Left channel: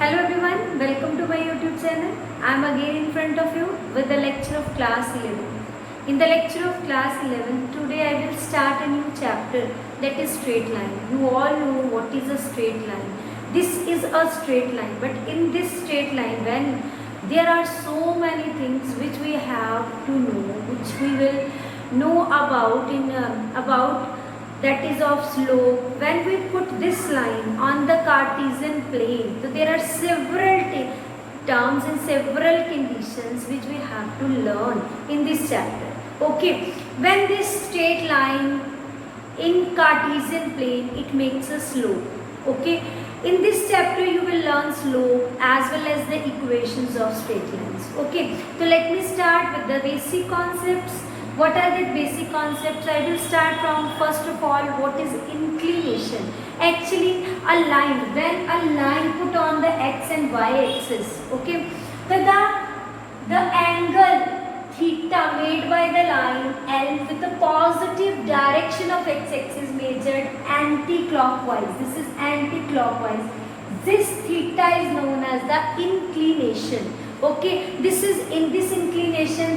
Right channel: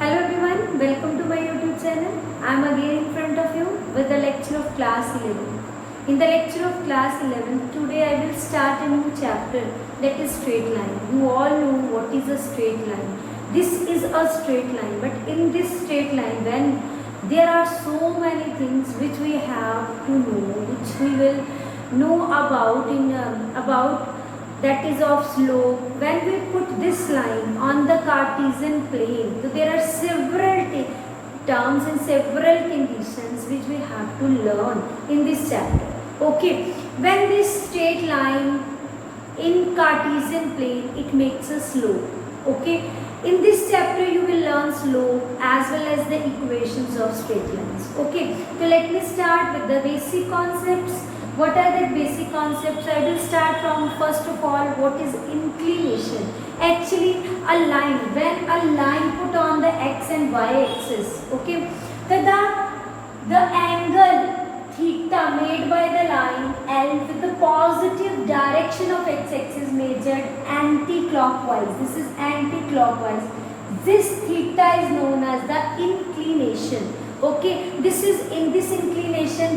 Hello everyone, welcome to my YouTube channel. I am again in front of you with the lecture of class 11. In the lecture of class 11, today I will start a new chapter, that is straight line. You all know what is a straight line. This is a straight line, but in this straight line, when there are so many things which we have to know, which we will know about that is of slope. When we put this line on the Cartesian plane, so there are several terms and several conditions which we have to learn in this chapter. Okay, when this straight line in Cartesian plane, it makes a slope. Okay, in this chapter you will learn slope as well as the equations of straight lines. Okay, so let me start with the basic concepts. What are the basic concepts? I will start from first of all, what is inclination? Actually, a line, when a line put on the x and y axis, okay, the angle theta made by the line and with the positive direction of x-axis measured anti-clockwise. This is anti-clockwise. This theta is known as the inclination. Okay, this is in this inclination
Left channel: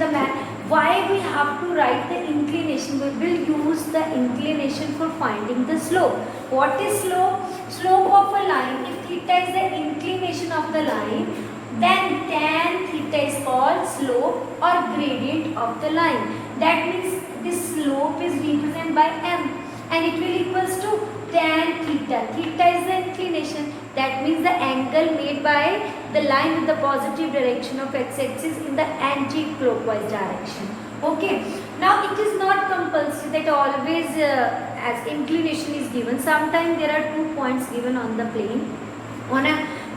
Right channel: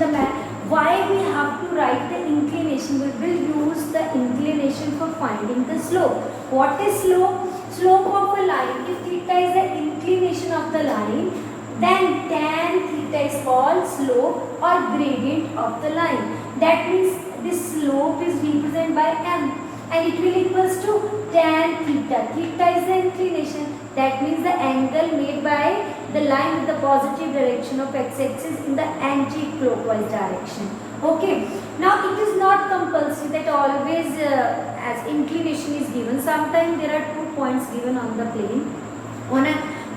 why we have to write the inclination? We will use the inclination for finding the slope. What is slope? Slope of a line. If theta is the inclination of the line, then tan theta is called slope or gradient of the line. That means this slope is represented by m and it will equals to tan theta. Theta is the inclination. That means the angle made by the line with the positive direction of x-axis in the anti-clockwise direction. Okay. Now it is not compulsory that always as inclination is given. Sometimes there are 2 points given on the plane.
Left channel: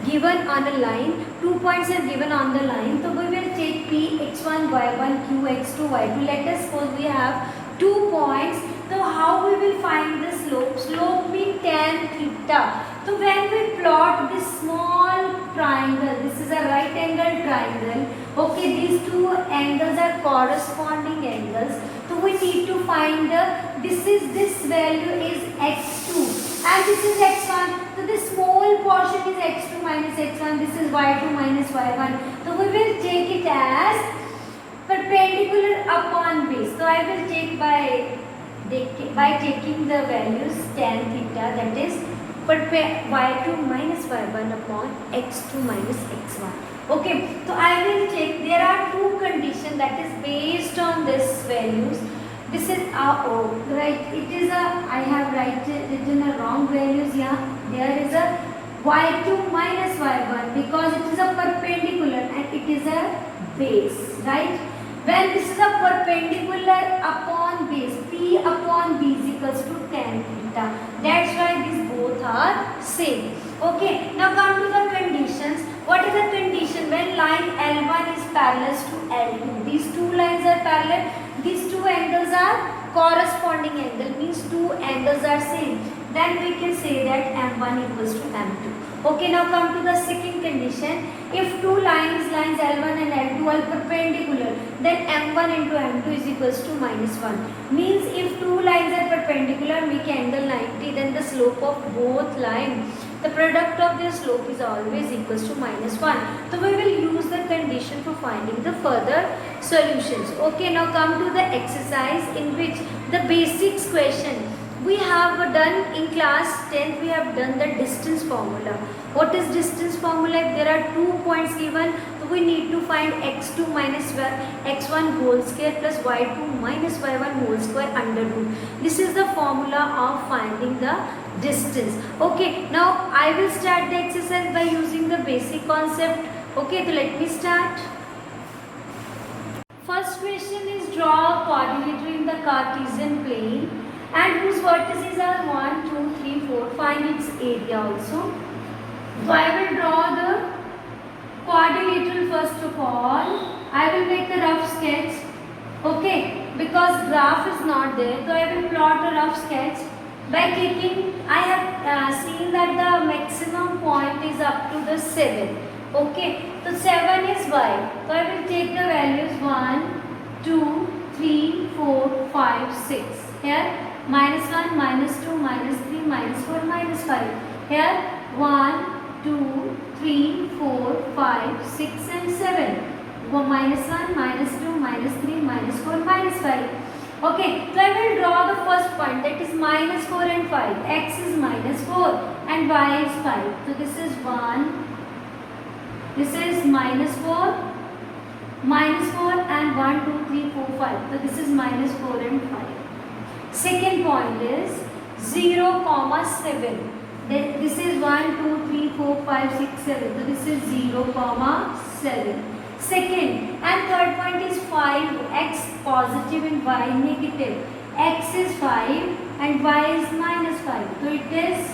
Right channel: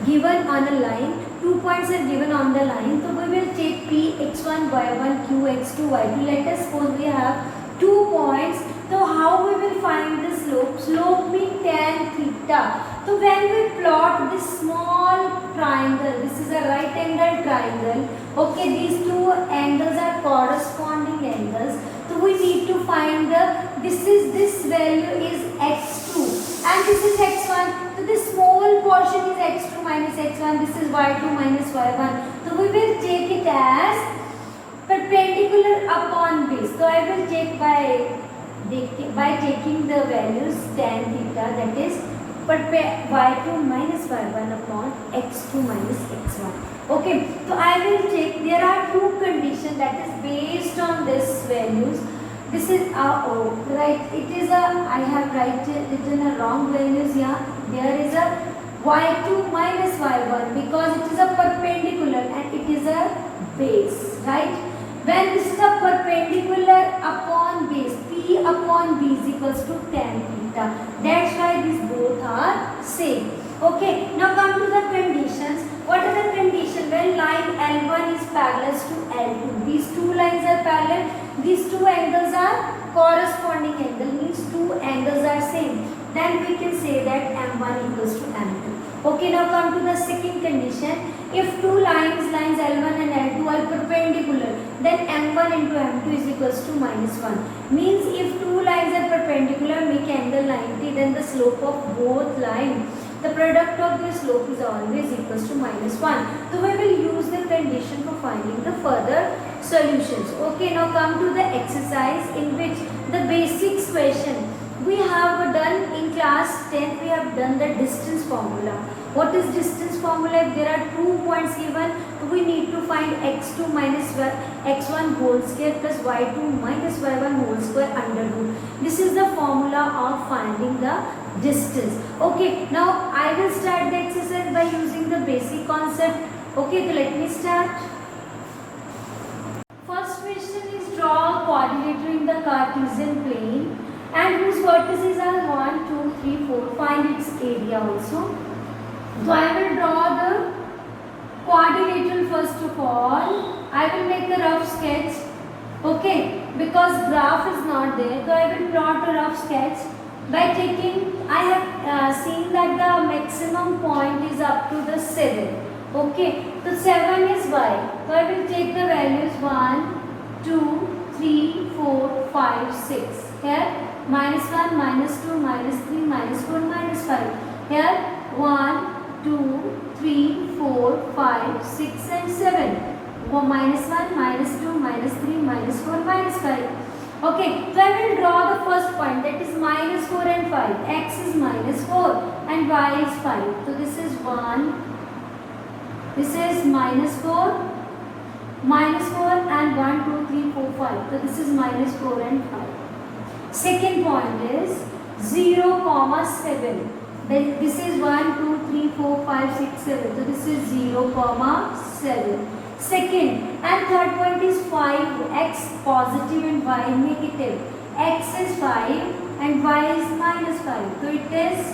Given on a line, 2 points are given on the line. So we will take P x1, y1, q x2, y2. Let us suppose we have 2 points. So how we will find the slope? Slope means tan theta. So when we plot this small triangle, this is a right angle triangle. Okay, these two angles are corresponding angles. So we need to find this value is x2 and this is x1. So this small portion is x2 minus x1. This is y2 minus y1. So we will take it as perpendicular upon base. So I will take by taking the values tan theta, that is y2 minus y1 upon x2 minus x1. Okay, so I will take, there are 2 conditions that is based on this values. This is right, it is I have written a wrong values here. There is a y2 minus y1 because it is a perpendicular and it is a base, right? When this is a perpendicular upon base, P upon B is equals to tan theta. That's why these both are same. Okay, now come to the conditions. What is the condition? When line L1 is parallel to L2. These two lines are parallel. These two angles are corresponding angle, means two angles are same. Then we can say that M1 equals to M2. Okay, now come to the second condition. If two lines L1 and L2 are perpendicular, then M1 into M2 is equals to minus 1. Means if two lines are perpendicular, make angle 90, then the slope of both lines, the product of their slope is always equals to minus 1. So we will use the condition for finding the further solutions. Okay, now come to the exercise in which the basics question. We have done in class 10, we have done the distance formula. What is distance formula? If there are 2 points given, we need to find x2 minus x1 whole square plus y2 minus y1 whole square under root. This is the formula of finding the distance. Okay, now I will start the exercise by using the basic concept. Okay, so let me start. First question is draw a quadrilateral in the Cartesian plane and whose vertices are 1, 2, 3, 4. Find its area also. So I will draw the quadrilateral first of all. I will make a rough sketch. Okay, because graph is not there, so I will plot a rough sketch by taking, I have seen that the maximum point is up to the 7. Okay, so 7 is y. So I will take the values 1, 2, 3, 4, 5, 6. Here minus 1, minus 2, minus 3, minus 4, minus 5. Here 1, 2, 3, 4, 5, 6 and 7. Minus 1, minus 2, minus 3, minus 4, minus 5. Okay, so I will draw the first point, that is minus 4 and 5. X is minus 4 and y is 5. So this is 1. This is minus 4. Minus 4 and 1, 2, 3, 4, 5. So this is minus 4 and 5. Second point is 0, 7. Then this is 1, 2, 3, 4, 5, 6, 7. So this is 0, 7. Second and third point is 5. X positive and y negative. X is 5 and y is minus 5. So it is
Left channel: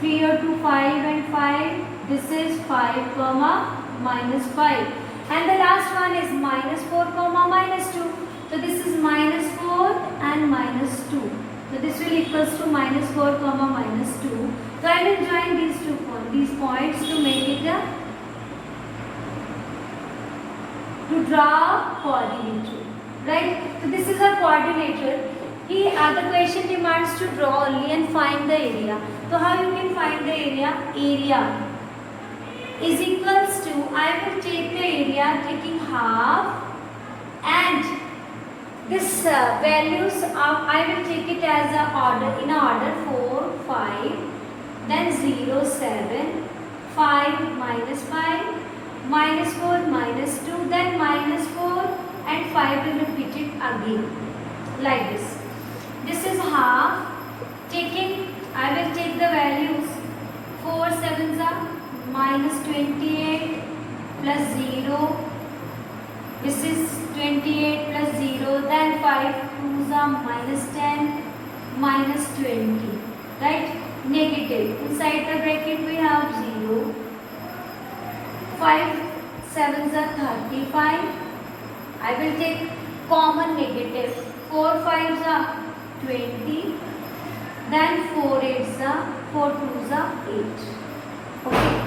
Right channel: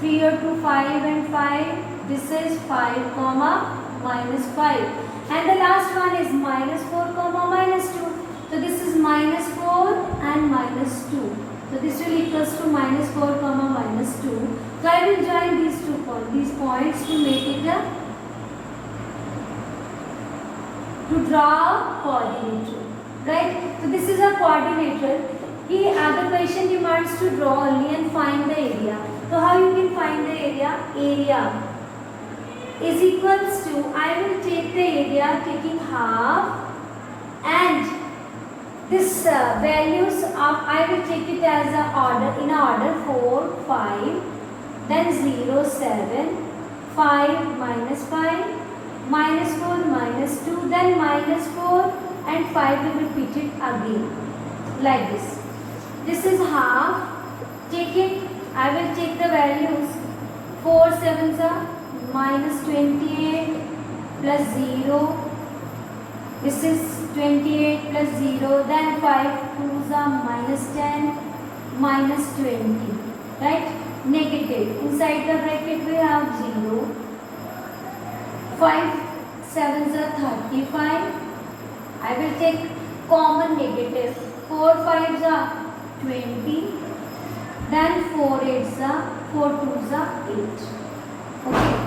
3 or 2, 5 and 5. This is 5, minus 5. And the last one is minus 4, minus 2. So this is minus 4 and minus 2. So this will equals to minus 4, minus 2. So I will join these points to make it to draw coordinator. Right? So this is a coordinator. The question demands to draw only and find the area. So how you can find the area? Area is equals to, I will take the area taking half, and this values of, I will take it as a order, in order 4, 5, then 0, 7, 5, minus 5, minus 4, minus 2, then minus 4 and 5 will repeat it again, like this. This is half, taking, I will take the values, 4 7s are minus 28 plus 0. This is 28 plus 0. Then 5 2s are minus 10 minus 20. Right? Negative. Inside the bracket we have 0. 5 7s are 35. I will take common negative. 4 5s are 20. Then 4 8s are 4 2s are 8. Okay.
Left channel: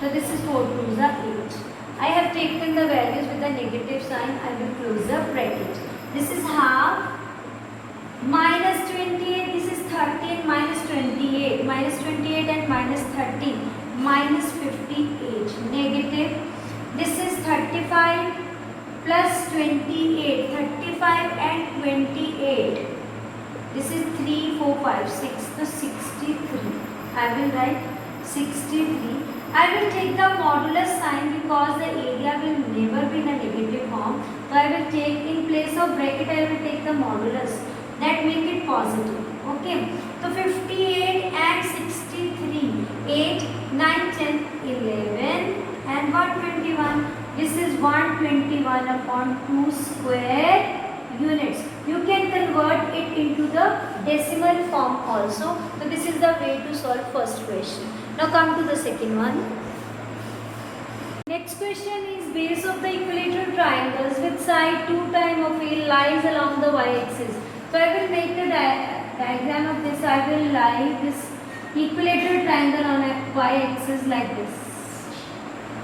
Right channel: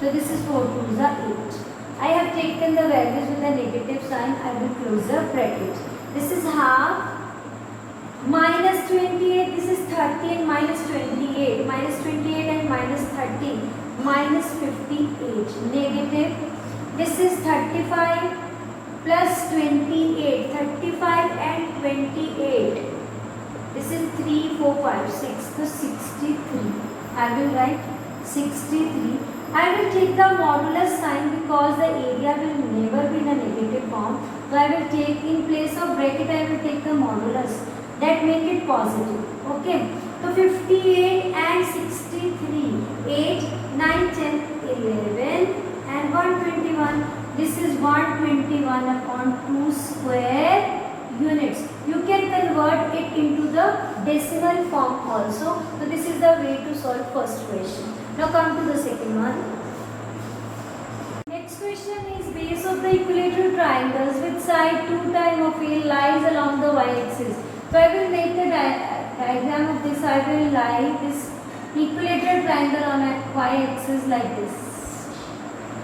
So this is 4 2s are 8. I have taken the values with a negative sign. I will close the bracket. This is half. Minus 28. This is 30 and minus 28. Minus 28 and minus 30. Minus 58. Negative. This is 35 plus 28. 35 and 28. This is 3, 4, 5, 6. So 63. I will write 63. I will take the modulus sign because the area will never be in a negative form. So I will take, in place of bracket, I will take the modulus. That make it positive. Okay. So 58 and 63. 8, 9, 10, 11 and 121. This is 121 upon 2 square units. You can convert it into the decimal form also. So this is the way to solve first question. Now come to the second one. Next question is, base of the equilateral triangles with side 2 times of A lies along the y-axis. So I will make the diagram of this. I will lie this equilateral triangle on a y-axis like this.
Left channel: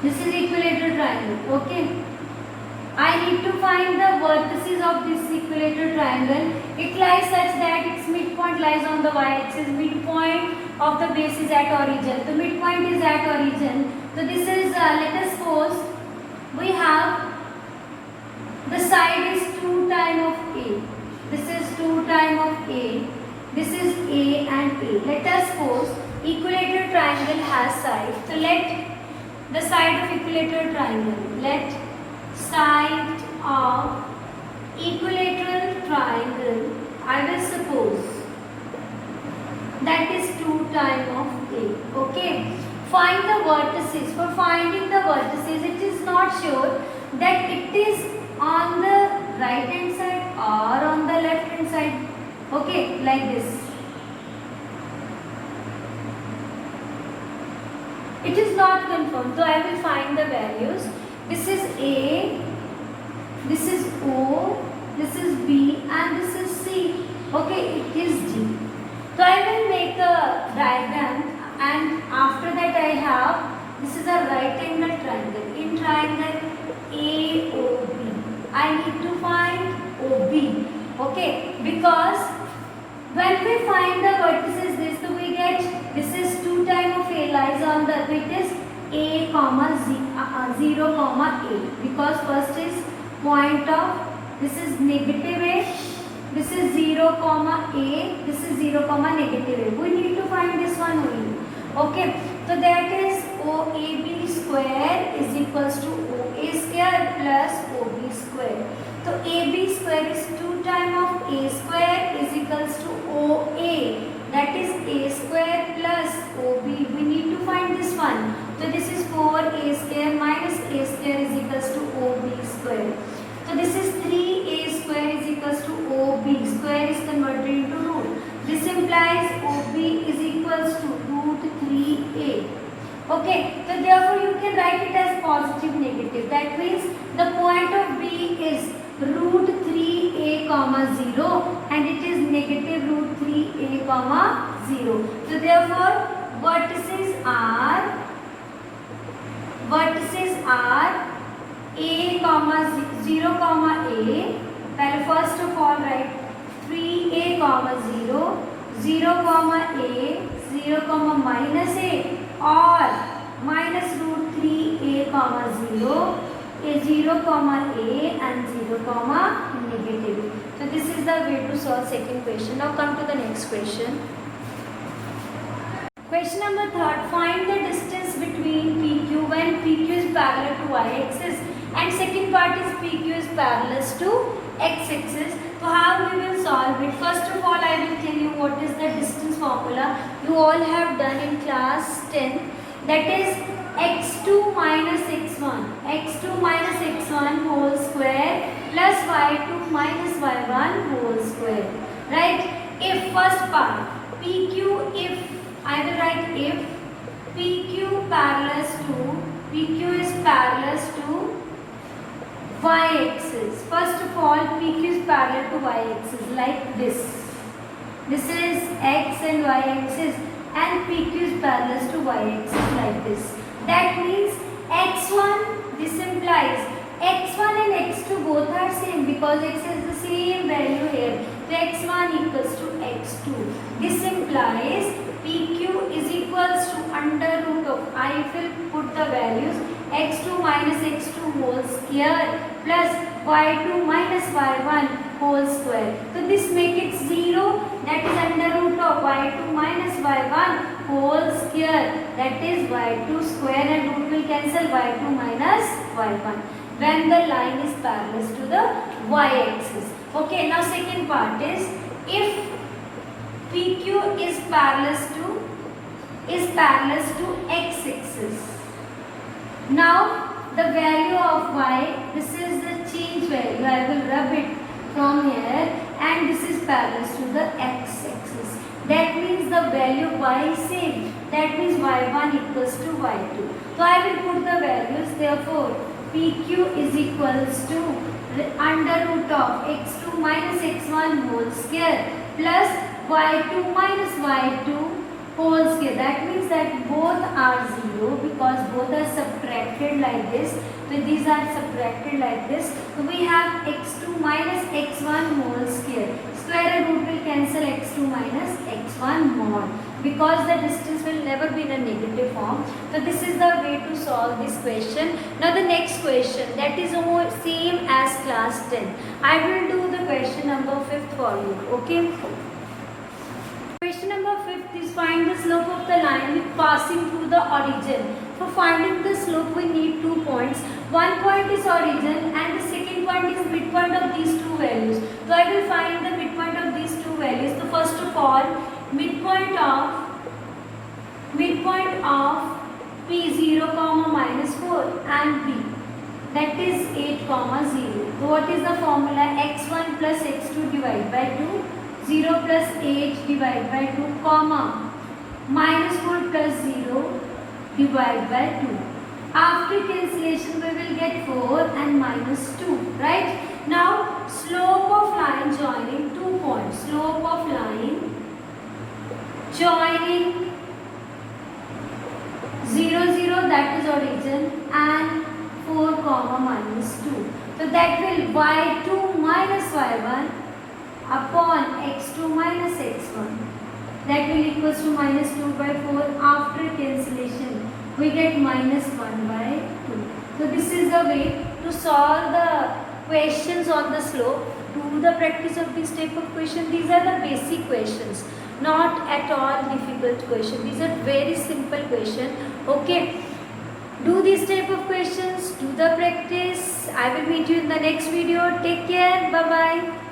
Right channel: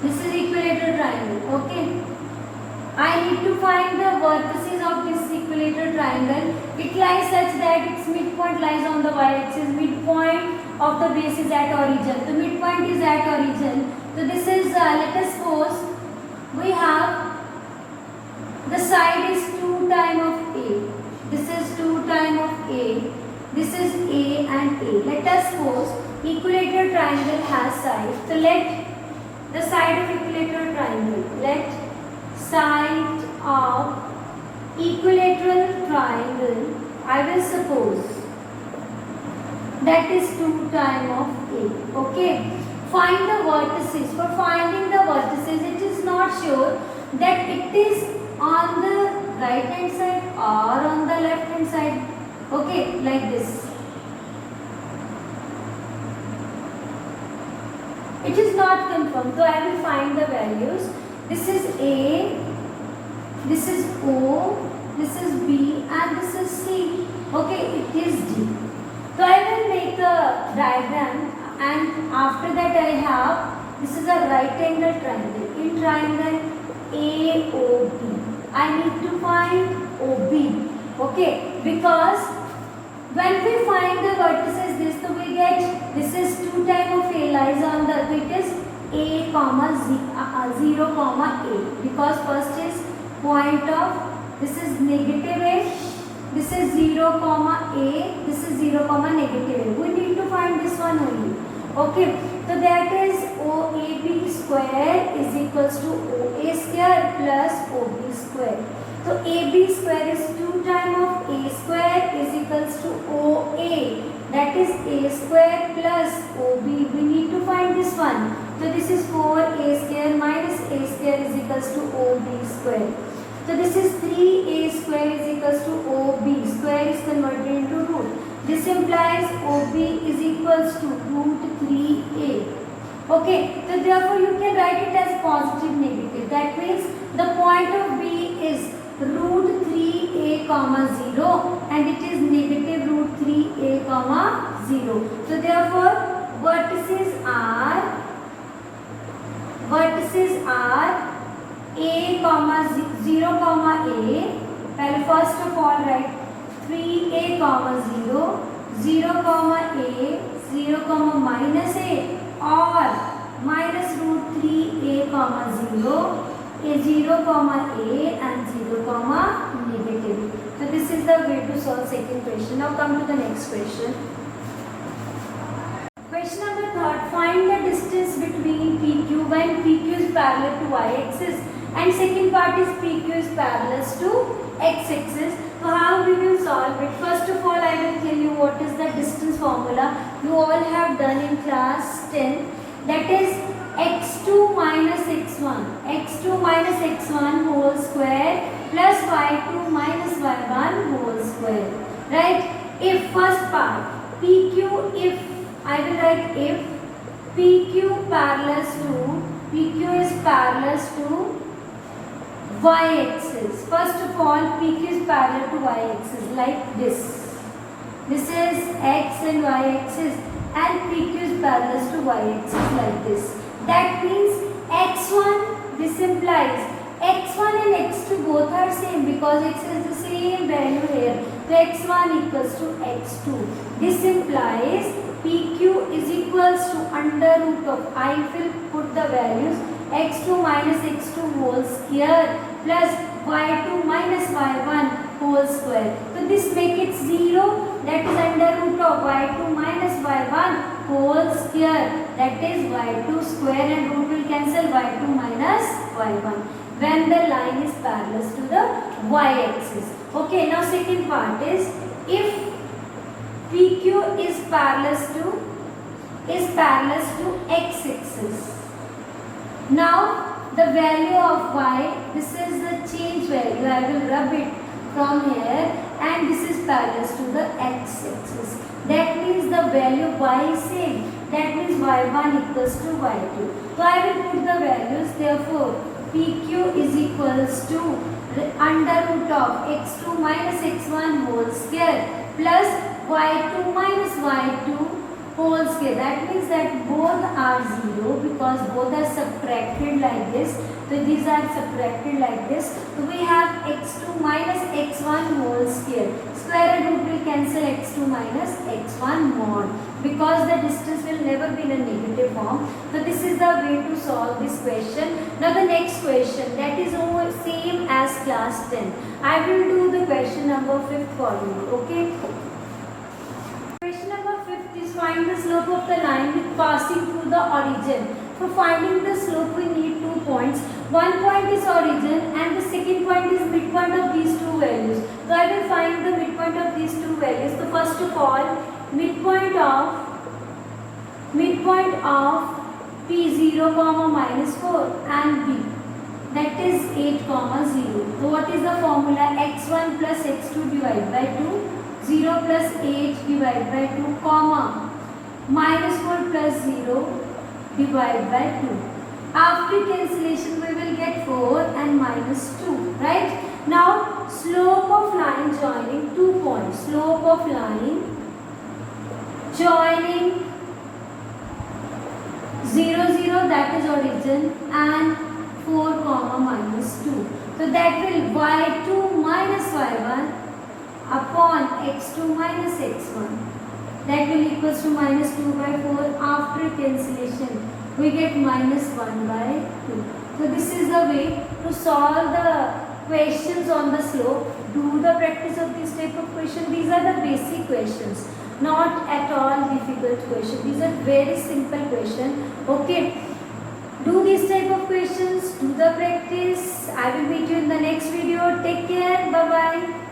This is equilateral triangle. Okay. I need to find the vertices of this equilateral triangle. It lies such that its midpoint lies on the y-axis. Midpoint of the base is at origin. The midpoint is at origin. So this is, let us suppose we have the side is 2 times of A. This is 2 times of A. This is A and A. Let us suppose equilateral triangle has side. So let the side of equilateral triangle. Let side of equilateral triangle, I will suppose that is 2 times of A. Okay. Find the vertices. For finding the vertices, it is not sure that it is on the right hand side or on the left hand side. Okay, like this. It is not confirmed. So I will find the values. This is A, this is O, this is B and this is C. Okay, it is D. So I will make a diagram, and after that I have, this is a right angle triangle. In triangle AOB, I need to find OB. Okay, because when we find the vertices, this, so we get, this is 2 times of A lies on the मतलब it is a comma 0 comma a, because first is point of, this is negative a, this is 0 comma a, this is 0 comma negative a. We need to find this one only. Okay, so that is OAB square is equals to OA square plus OB square. So AB square is 2 times of A square is equals to OA, that is A square plus OB. We need to find this one. So this is 4A square minus A square is equals to OB square. So this is 3A square is equals to OB square is converted into root. This implies OB is equals to root 3A. Okay, so therefore you can write it as positive negative. That means the point of B is root 3A comma 0 and it is negative root 3A comma 0. So therefore vertices are A comma 0 comma A. Well, first of all write 3A comma 0, 0 comma A, 0 comma minus A, or minus root 3A comma 0, a 0 comma A and 0 comma negative. So this is the way to solve second question. Now come to the next question. Question number third. Find the distance between PQ when PQ is parallel to y-axis and second part is PQ is parallel to x-axis. So how we will solve it? First of all, I will tell you what is the distance formula. You all have done in class 10. That is x2 minus x1. x2 minus x1 whole square plus y2 minus y1 whole square. Right? If first part PQ, if I will write if PQ is parallel to y-axis. First of all, PQ is parallel to y-axis like this. This is x and y-axis and PQ is parallel to y-axis like this. That means x1, this implies x1 and x2 both are same because x is the same value here. So x1 equals to x2. This implies PQ is equals to under root of, I will put the values, x2 minus x2 whole square plus y2 minus y1 whole square. So this make it 0, that is under root of y2 minus y1 whole square, that is y2 square, and root will cancel y2 minus y1 when the line is parallel to the y-axis. Okay, now second part is if PQ is parallel to x-axis. Now the value of y, this is the change value, I will rub it from here, and this is parallel to the x-axis. That means the value y is same. That means y1 equals to y2. So I will put the values. Therefore PQ is equals to under root of x2 minus x1 whole square plus y2 minus y2 whole square. That means that both are 0 because both are subtracted like this. So these are subtracted like this. So we have x2 minus x1 whole square. Square and root will cancel x2 minus x1 mod because the distance will never be in a negative form. So this is the way to solve this question. Now the next question, that is over same as class 10. I will do the question number 5 for you. Okay. Question number 5 is find the slope of the line passing through the origin. For finding the slope we need 2 points. One point is origin and the second point is midpoint of these two values. So I will find the midpoint of these two values. So first of all, midpoint of P0 comma minus 4 and B, that is 8 comma 0. So what is the formula? x1 plus x2 divided by 2, 0 plus 8 divided by 2 comma minus 4 plus 0 divided by 2. After cancellation we will get 4 and minus 2, right? Now slope of line joining 2 points. Slope of line joining 0, 0, that is origin, and 4 comma minus 2. So that will y2 minus y1 upon x2 minus x1. that will equals to minus 2 by 4. After cancellation we get minus 1 by 2. So this is the way to solve the questions on the slope. Do the practice of this type of question. These are the basic questions, not at all difficult question. These are very simple question. Okay, do these type of questions, do the practice. I will meet you in the next video. Take care. Bye bye.